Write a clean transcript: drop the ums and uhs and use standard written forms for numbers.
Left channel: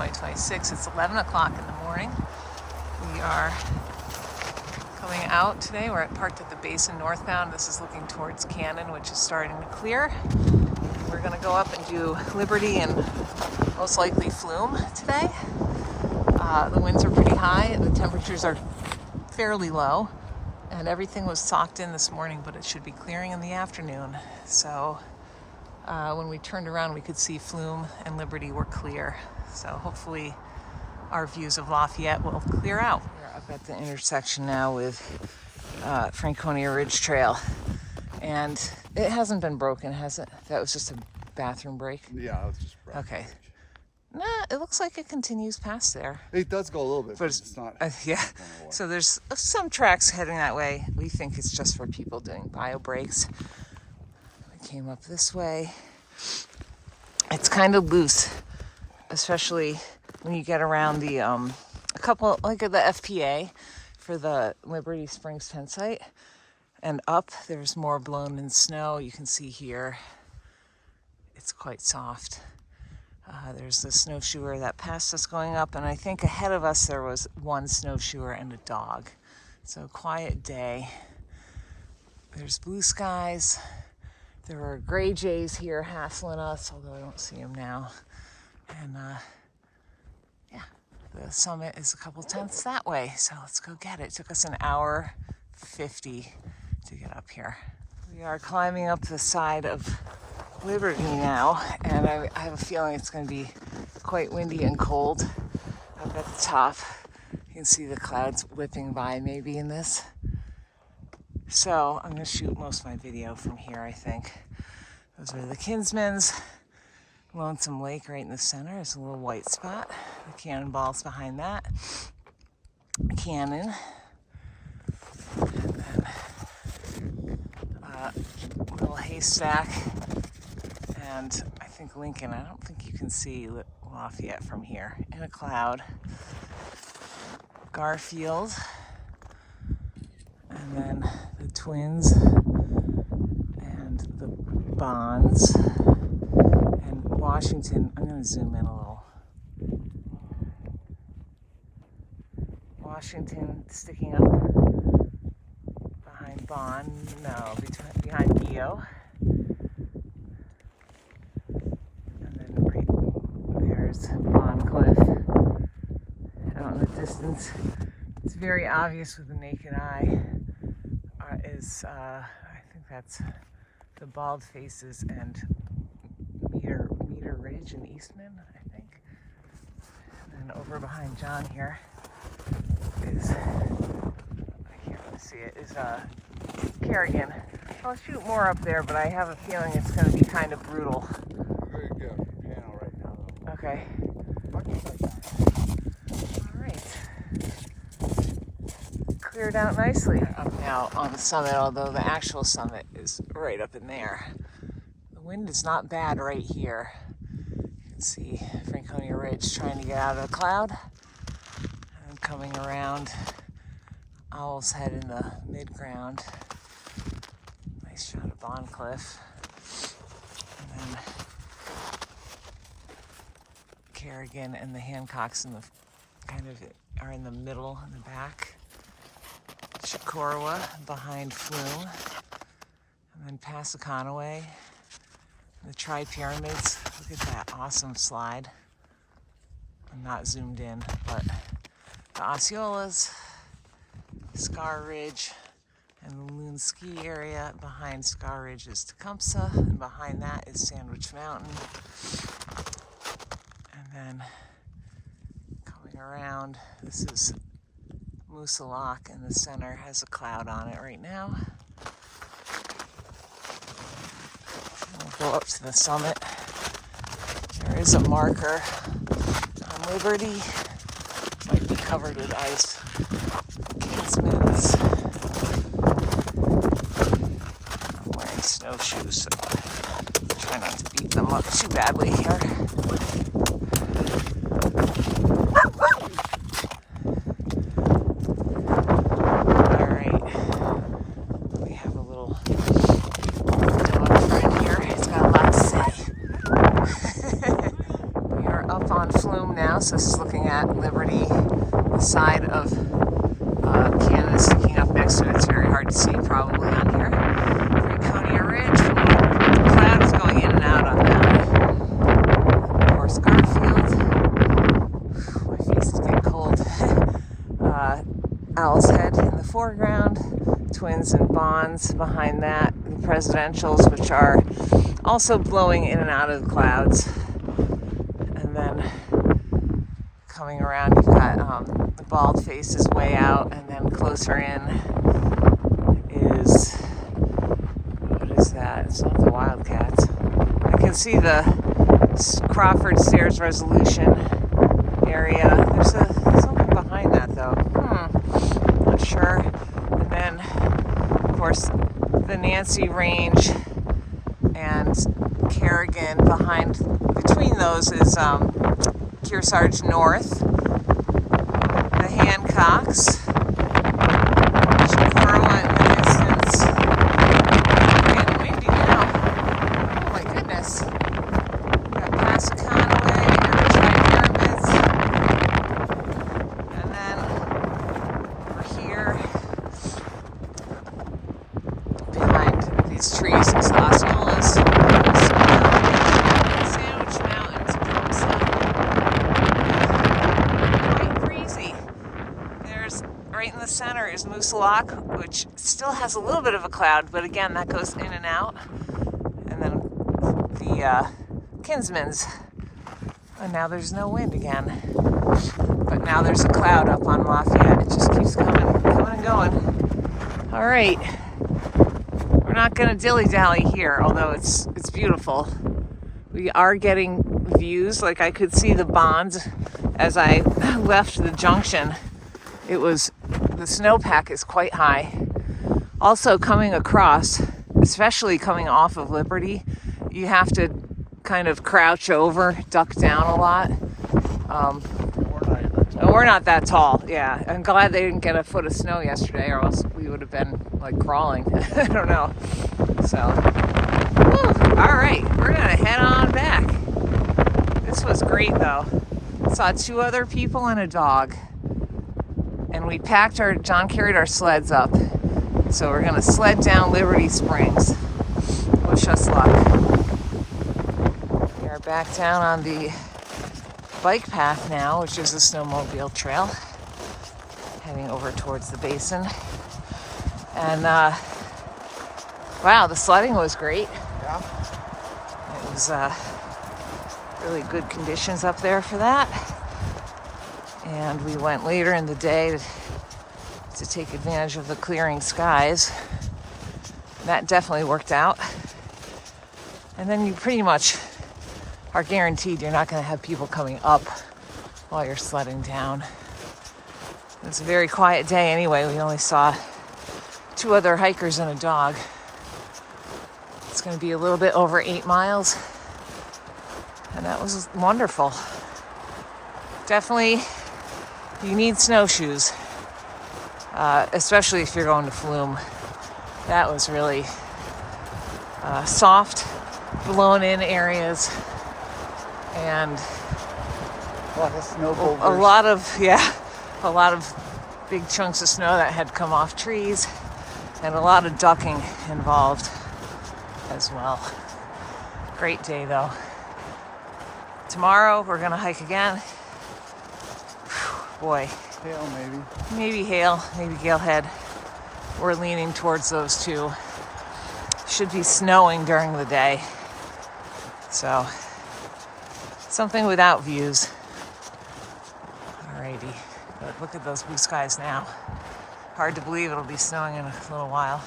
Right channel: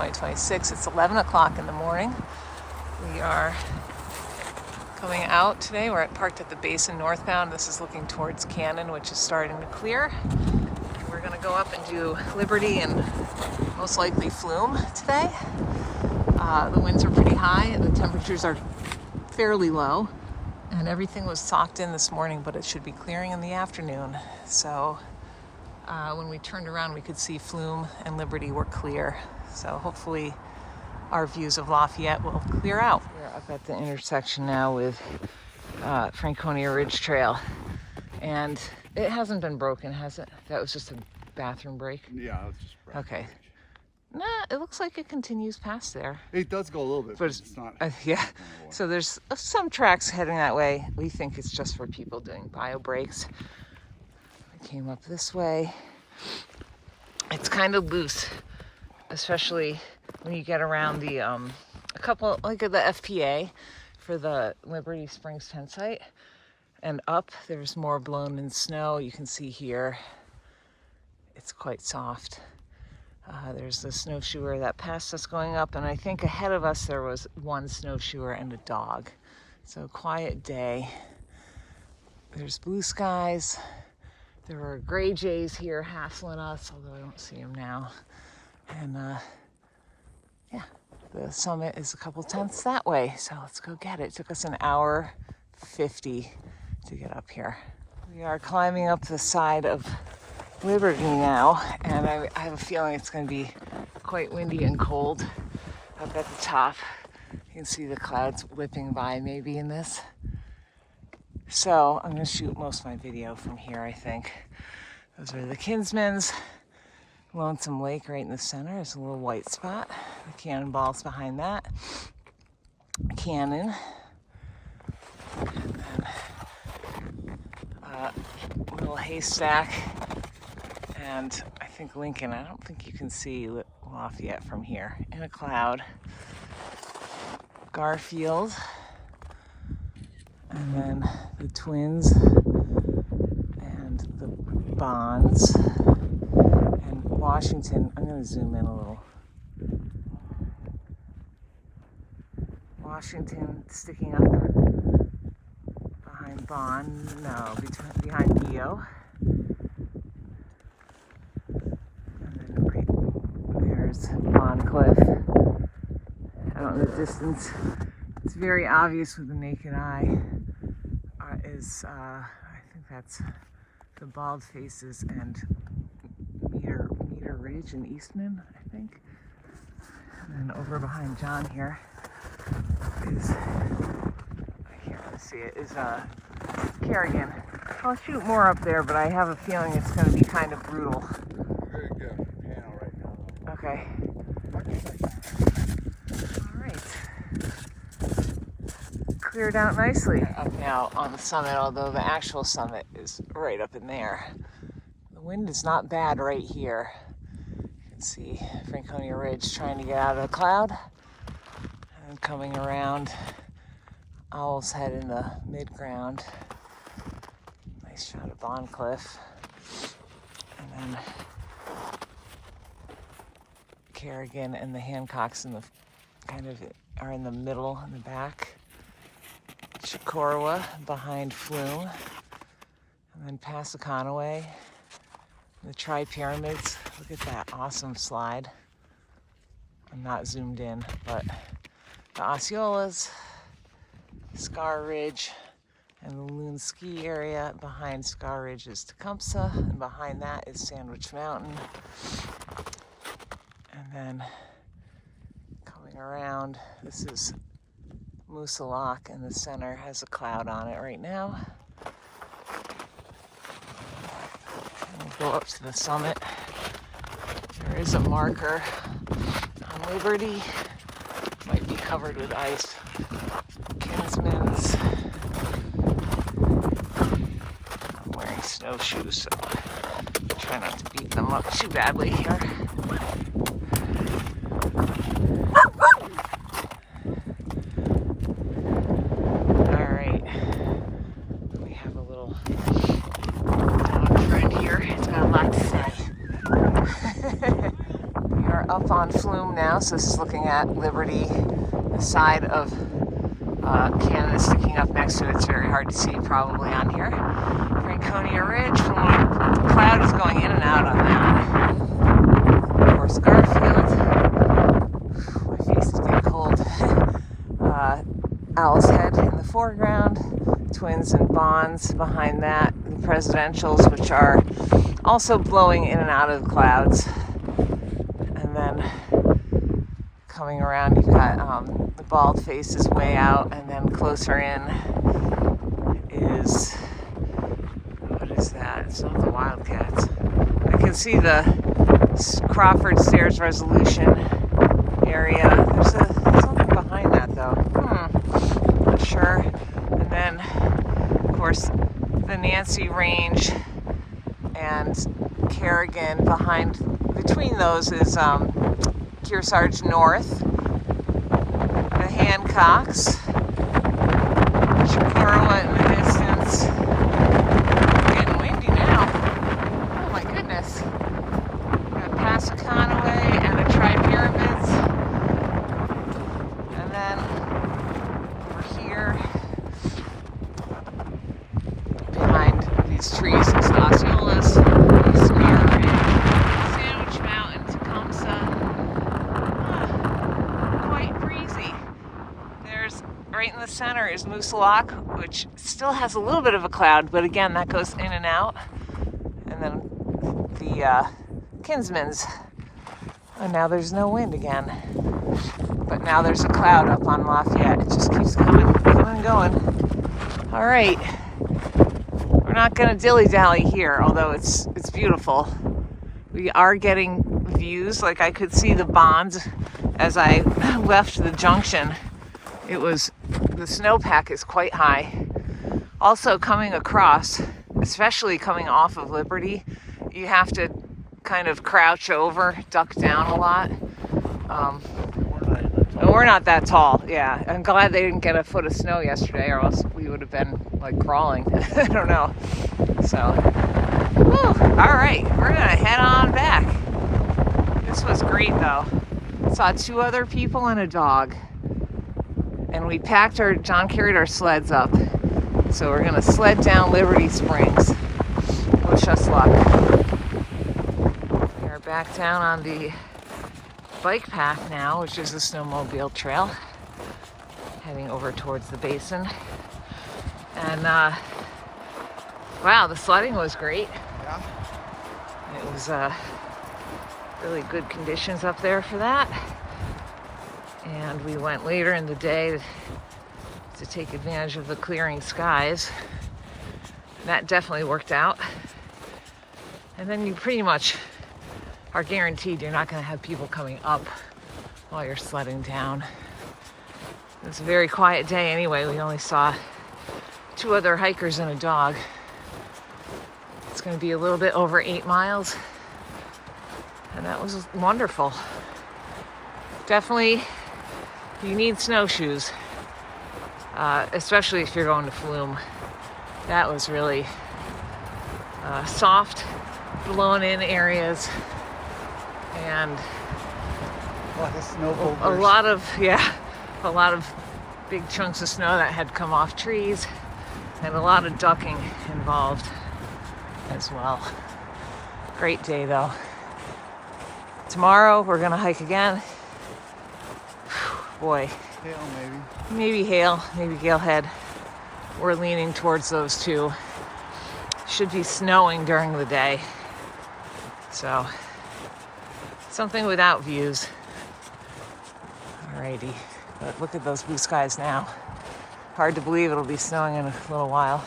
2026. It's 11 o'clock in the morning. We are coming out today. We're parked at the Basin northbound. This is looking towards Cannon, which is starting to clear. We're going to go up and do Liberty and most likely Flume today. The winds are pretty high. The temperatures are fairly low. And everything was socked in this morning, but it should be clearing in the afternoon. So when we turned around, we could see Flume and Liberty were clear. So hopefully our views of Lafayette will clear out. We're up at the intersection now with Franconia Ridge Trail. And it hasn't been broken, has it? That was just a bathroom break? Yeah, it's just broken. Okay. Nah, it looks like it continues past there. It does go a little bit, but it's not. Yeah, so there's some tracks heading that way. We think it's just for people doing bio breaks. We came up this way. It's kind of loose, especially when you get around the a couple, like at the FPA for the Liberty Springs tent site, and up there's more blown in snow. You can see here it's quite soft. There's the snowshoer that passed us going up, and I think ahead of us there was one snowshoer and a dog. So quiet day. There's blue skies. There were gray jays here hassling us, although I don't see them now. And yeah, the summit is a couple tenths that way, so let's go get it. It took us an hour 50 to get up here. We are climbing up the side of Liberty now, and I have a feeling it's going to be quite windy and cold up at the top. You can see the clouds whipping by maybe in this. So I'm going to shoot most of my video from here, I think. Those are the Kinsmans. Lonesome Lake right in the center. There's a little white spot. The cannonballs behind that. Cannon. And then little haystack. And I think Lincoln. I don't think you can see Lafayette from here. In a cloud. Garfield. And then the Twins. And the Bonds. And Washington. I'm going to zoom in a little. Washington sticking up behind Bond. No, behind Dio. On cliff out in the distance. It's very obvious with the naked eye. I think that's the Bald Faces and Meter Ridge and Eastman, I think. And then over behind John here is, I can't really see it, is Kerrigan. I'll shoot more up there, but I have a feeling it's going to be kind of brutal. Very good piano right now, though. Okay. All right. Cleared out nicely up now on the summit, although the actual summit is right up in there. The wind is not bad right here. You can see Franconia Ridge trying to get out of the cloud and coming around Owl's Head in the mid-ground. Nice shot of Bond Cliff. And then Kerrigan and the Hancocks in the kind of are in the middle in the back. Chicorowa behind Flume, and then past the Conaway, the Tri-Pyramids. Look at that awesome slide. I'm not zoomed in, but the Osceolas, Scar Ridge, and the Loon Ski area. Behind Scar Ridge is Tecumseh, and behind that is Sandwich Mountain. And then coming around, this is Moosalok in the center, has a cloud on it right now. We'll go up to the summit. There is a marker on Liberty. Might be covered with ice. Kinsman's. I'm wearing snowshoes, so I try not to beat them up too badly here. up on Flume now, so this is looking at Liberty, the side of Canada sticking up next to it. It's very hard to see probably on here. Franconia Ridge, the cloud is going in and out on that. Of course, Garfield. My face is getting cold. Owl's Head in the foreground, Twins and Bonds behind that, the presidentials, which are also blowing in and out of the clouds. And then coming around, you've got the Bald Face is way out, and then closer in is, what is that? It's not the Wildcats. I can see the Crawford Stairs Resolution area. There's something behind that though. Not sure. And then, of course, the Nancy Range and Kerrigan behind. Between those is Kearsarge North, the Hancocks, Chicoroa in the distance. It's getting windy now. Oh my goodness. Got Passaconaway and the Tri-Pyramids. And then over here, behind these trees, is Osceola's, Sandwich Mountain, Tecumseh. Quite breezy. There's, right in the center is Moose Lock, which still has a little bit of a cloud, but again, that goes in and out. And then the Kinsman's. And now there's no wind again. But now there's a cloud up on Lafayette. It just keeps coming and going. All right. We're not going to dilly-dally here, although it's beautiful. We are getting views. Like I could see the Bonds as I left the junction. The snowpack is quite high. Also coming across, especially coming off of Liberty, you have to kind of crouch over, duck down a lot. We're not that tall, yeah. I'm glad they didn't get a foot of snow yesterday, or else we would have been like crawling. I don't know. So, all right, we're gonna head on back. This was great though. Saw 2 other people and a dog, and we John carried our sleds up. So we're gonna sled down Liberty Springs. Wish us luck. We are back down on the bike path now, which is a snowmobile trail, heading over towards the basin. And wow, the sledding was great. It was really good conditions up there for that. And we went later in the day to take advantage of the clearing skies. That definitely worked out. And then you pretty much are guaranteed you're not going to have people coming up while you're sledding down. It was a very quiet day anyway. We only saw 2 other hikers and a dog. It's going to be a little bit over 8 miles. And that was wonderful. Definitely, you need snowshoes, especially if you're going to Flume. That was really soft, blown in areas. And a lot of big chunks of snow that had come off trees, and a lot of ducking involved as well. Great day though. Tomorrow we're gonna hike again. Boy. Hail maybe. Maybe hail, maybe Galehead. We're leaning towards those 2. Should be snowing during the day. So, something without views. Alrighty, but look at those blue skies now. Hard to believe it'll be snowing in a little while.